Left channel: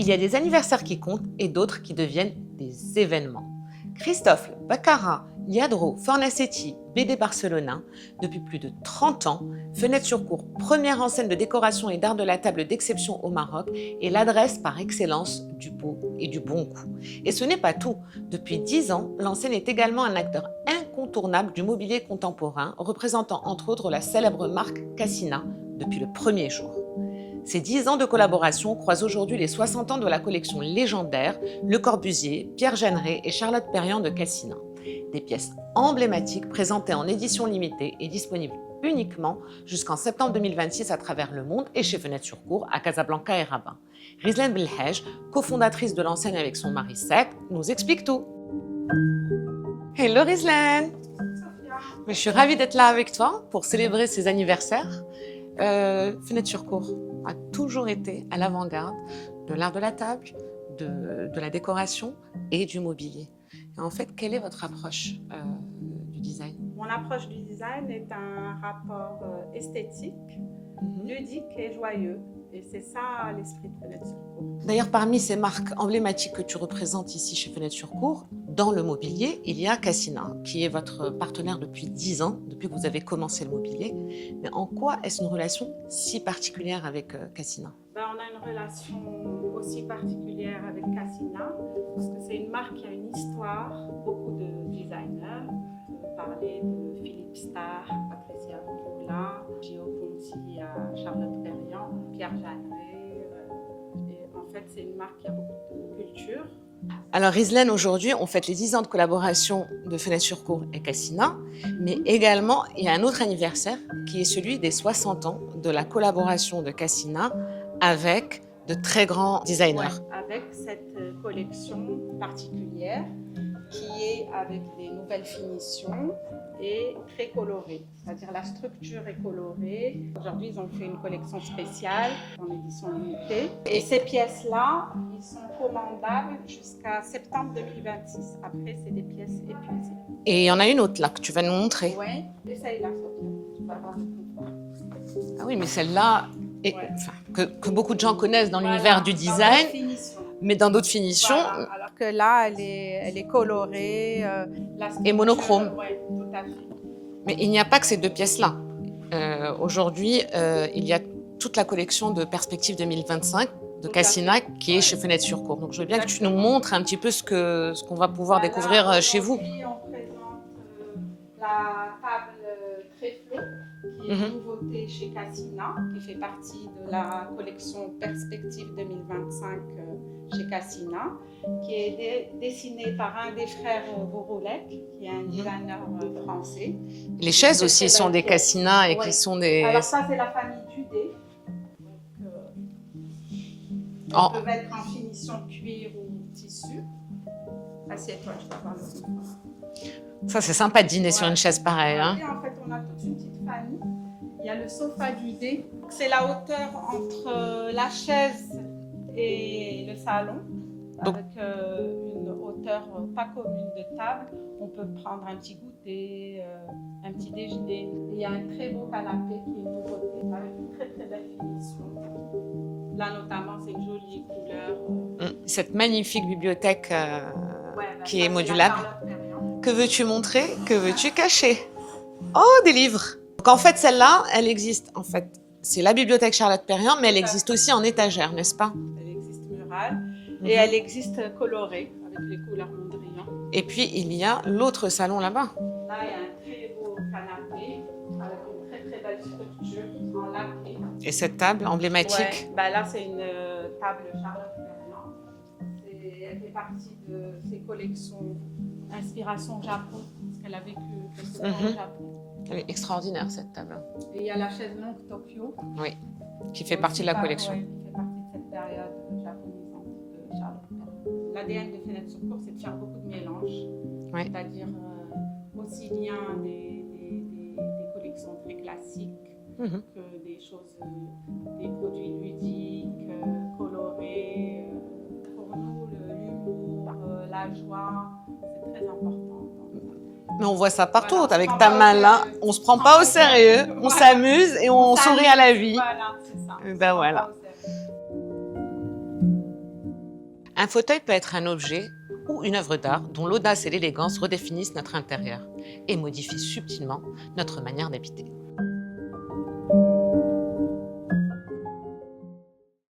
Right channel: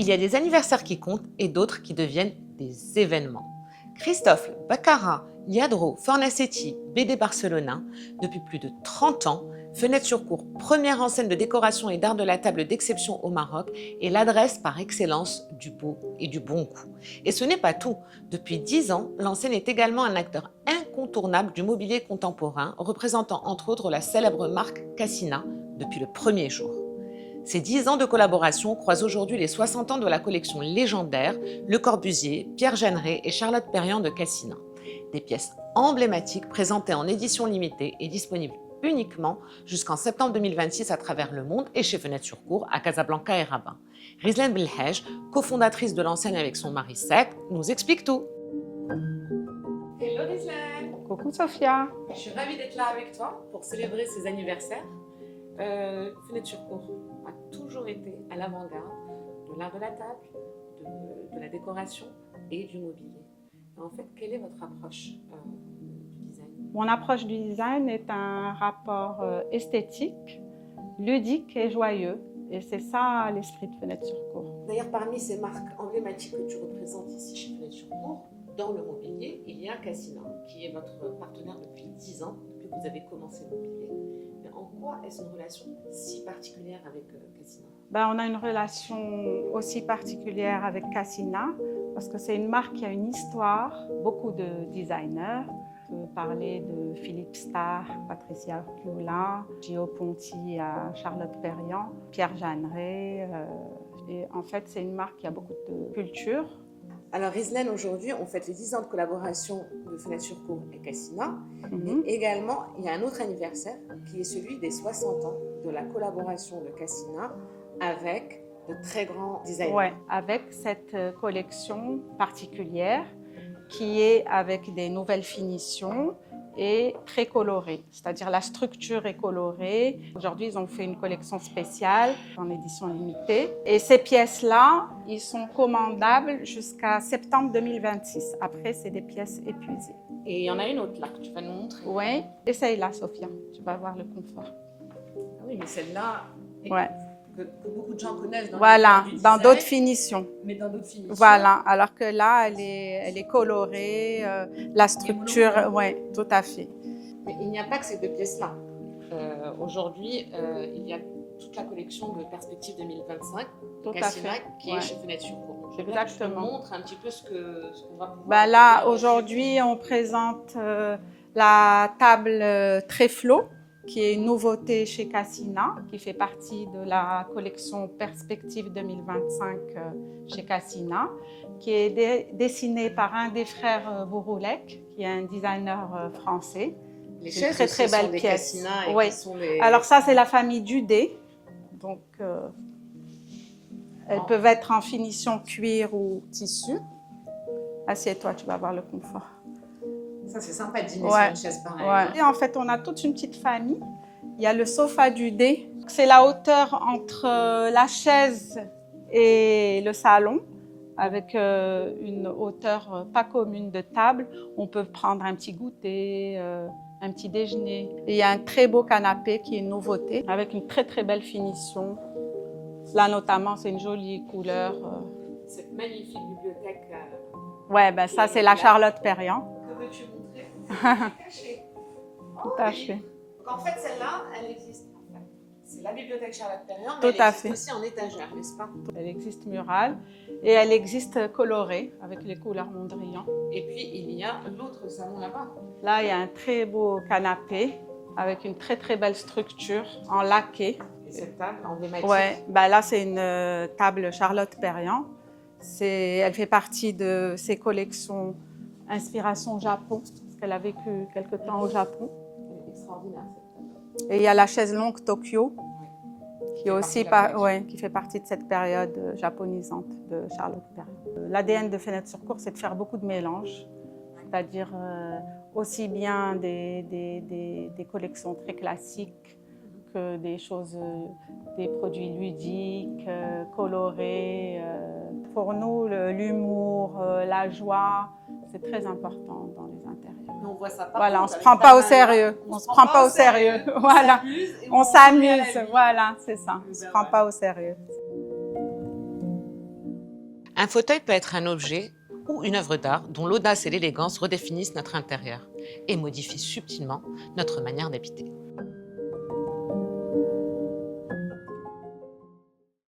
Il y a des anniversaires qui comptent et d'autres qui deviennent des événements. Christophe Baccarat, Lladró Fornasetti, BD Barcelona, depuis plus de 30 ans, Fenêtre sur Cour, première enseigne de décoration et d'art de la table d'exception au Maroc, est l'adresse par excellence du beau et du bon goût. Et ce n'est pas tout. Depuis 10 ans, l'enseigne est également un acteur incontournable du mobilier contemporain, représentant entre autres la célèbre marque Cassina depuis le premier jour. Ces 10 ans de collaboration croisent aujourd'hui les 60 ans de la collection légendaire Le Corbusier, Pierre Jeanneret et Charlotte Perriand de Cassina. Des pièces emblématiques présentées en édition limitée et disponibles uniquement jusqu'en septembre 2026 à travers le monde et chez Fenêtre sur Cour à Casablanca et Rabat. Rizlan Belhaj, cofondatrice de l'enseigne avec son mari Seth, nous explique tout. Hello Rizlan. Coucou Sophia. Je suis ravie d'être là avec toi pour célébrer ces anniversaires. Fenêtre sur Cour a toujours été à l'avant-garde de l'art de la table, de la décoration et du mobilier. Et en fait, quelle est votre approche du design? Mon approche du design est un rapport esthétique, ludique et joyeux. Et c'est ça l'esprit de Fenêtre sur Cour. D'ailleurs, parmi ces marques emblématiques que tu représentes ici chez Fenêtre sur Cour, dans le mobilier, il y a Cassina, qui est votre partenaire depuis 10 ans, depuis que vous avez commencé le mobilier. Mais en quoi est-ce une relation si particulière avec Cassina? On a une relation aussi particulière avec Cassina, parce que c'est une marque qui a une histoire, beaucoup de designers. On peut parler de Philippe Starr, Patricia Viola, Gio Ponti à Charlotte Perriand, Pierre Jeanneret. Et en fait, c'est une marque qui a beaucoup de culture. Alors Rizlan, aujourd'hui, on fête les 10 ans de collaboration de Fenêtre sur Cour et Cassina, mais également, il y a un autre anniversaire qui est celui des 60 ans de la collaboration de Cassina avec de très grands designers. Ouais, avec cette collection particulière qui est avec des nouvelles finitions et très colorée, c'est-à-dire la structure est colorée. Aujourd'hui, ils ont fait une collection spéciale en édition limitée. Et ces pièces-là, ils sont commandables jusqu'à septembre 2026. Après, c'est des pièces épuisées. Et il y en a une autre là que tu vas nous montrer. Oui, essaye-la, Sophia. Tu vas voir le confort. Ah oui, mais celle-là, Ouais. que beaucoup de gens connaissent dans l'univers du design. Dans d'autres finitions. Mais dans d'autres finitions. Voilà, alors que là, elle est colorée, la structure. Et monochrome. Oui, tout à fait. Mais il n'y a pas que ces deux pièces-là. Aujourd'hui, il y a toute la collection de Perspective 2025 de Tout Cassina qui est chez Fenêtre sur Cour. Donc je veux bien que tu nous montres un petit peu ce qu'on va pouvoir Là, découvrir chez vous. aujourd'hui, on présente la table Tréflo, qui est une nouveauté chez Cassina, qui fait partie de la collection Perspective 2025 chez Cassina, qui est dessinée par un des frères Bouroulec, qui est un designer français. Les chaises aussi sont des Cassina et qui sont des... Alors ça, c'est la famille Dudé. Donc, elles peuvent être en finition cuir ou tissu. Assieds-toi, tu vas voir le confort. Ça, c'est sympa de dîner sur une chaise pareille. Ouais. Hein. Et en fait, on a toute une petite famille. Il y a le sofa Dudé. C'est la hauteur entre la chaise et le salon, avec une hauteur pas commune de table. On peut prendre un petit goûter, un petit déjeuner. Et il y a un très beau canapé qui est une nouveauté, avec une très très belle finition. Là, notamment, c'est une jolie couleur. Cette magnifique bibliothèque ça, c'est la Charlotte Perriand. Que veux-tu montrer? Que veux-tu cacher? Oh, des livres! Donc, en fait, celle-là, elle existe. En fait, c'est la bibliothèque Charlotte Perriand, mais elle existe aussi en étagère, n'est-ce pas? Elle existe murale et elle existe colorée, avec les couleurs Mondrian. Et puis, il y a l'autre salon là-bas. Là, il y a un très beau canapé avec une très très belle structure en laqué. Et cette table emblématique? Là, c'est une table Charlotte Perriand. Elle fait partie de ses collections Inspiration Japon, parce qu'elle a vécu quelque temps au Japon. Elle est extraordinaire, cette table. Et il y a la chaise longue Tokyo. Oui, qui fait partie de la collection. Qui fait partie de cette période japonisante de Charlotte Perriand. L'ADN de Fenêtre sur Cour, c'est de faire beaucoup de mélanges. C'est-à-dire aussi bien des collections très classiques que des choses, des produits ludiques, colorés. Pour nous, l'humour, la joie, c'est très important dans les intérieurs. Mais on voit ça partout. Voilà, avec ta main là, on se prend pas au sérieux. On s'amuse et on sourit à la vie. Voilà, c'est ça. On se prend pas au sérieux. Un fauteuil peut être un objet ou une œuvre d'art dont l'audace et l'élégance redéfinissent notre intérieur et modifient subtilement notre manière d'habiter.